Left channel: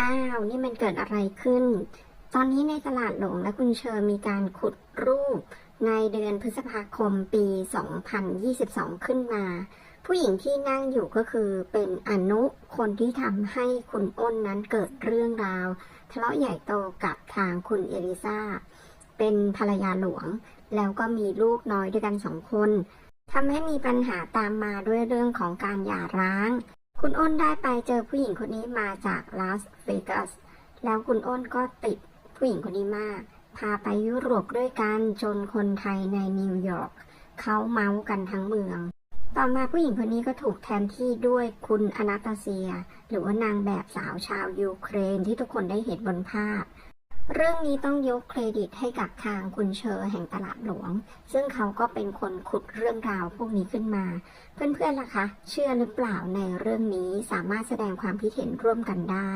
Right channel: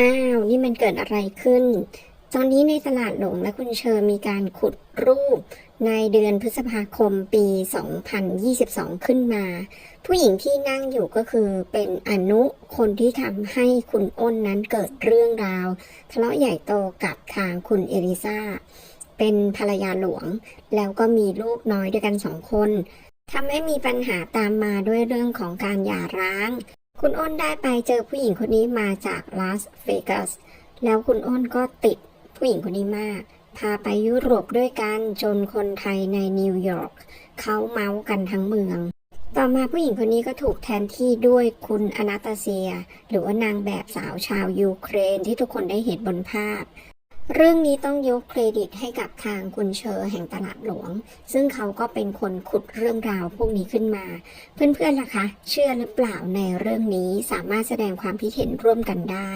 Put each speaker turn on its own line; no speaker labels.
อ้าวนี่มันเกิดอะไรขึ้น ตอนนี้ในตลาดหลวงและคุณเชอร์มีการขุดรูปในเดือนพฤษภาคมปี 2022 ขึ้นมา ผู้หญิงที่นั่งอยู่ก็คือเป็นอนุคนที่ทำให้คุณอ้นนั้นเกิดเรื่องราว ทะเลาะใหญ่โตกับทางคุณเอลิซาเป็นภรรยาหลวง แล้วก็มีลูกน้อยด้วยกันสองคนทำให้มีปัญหาตามมาด้วยเรื่องของการหย่าร้าง คุณอ้นได้ไปเจอผู้หญิงคนนี้มาจากลาสเวกัสแล้วคุณอ้นก็ติดผู้หญิงคนนี้มาก พาไปยุโรปด้วยกันจนคนไทยในนิวยอร์กเขาเมาส์กันทั้งเมือง ต่อมาผู้หญิงคนนี้ก็ถูกแทนที่ด้วยคุณอนาตาเซีย หรือว่านางแบบสาวชาวยูเครนที่ทุกคนได้เห็นบนภาพ เรื่องนี้ต้องยกเครดิตให้กับทางคุณเชอร์แห่งตลาดหลวง ซึ่งเขาก็เป็นคนขุดเรื่องราวพวกนี้ขึ้นมา เพื่อนๆล่ะคะ เชื่อหรือเปล่าในเรื่องนี้สามารถแสดงความคิดเห็นร่วมกันได้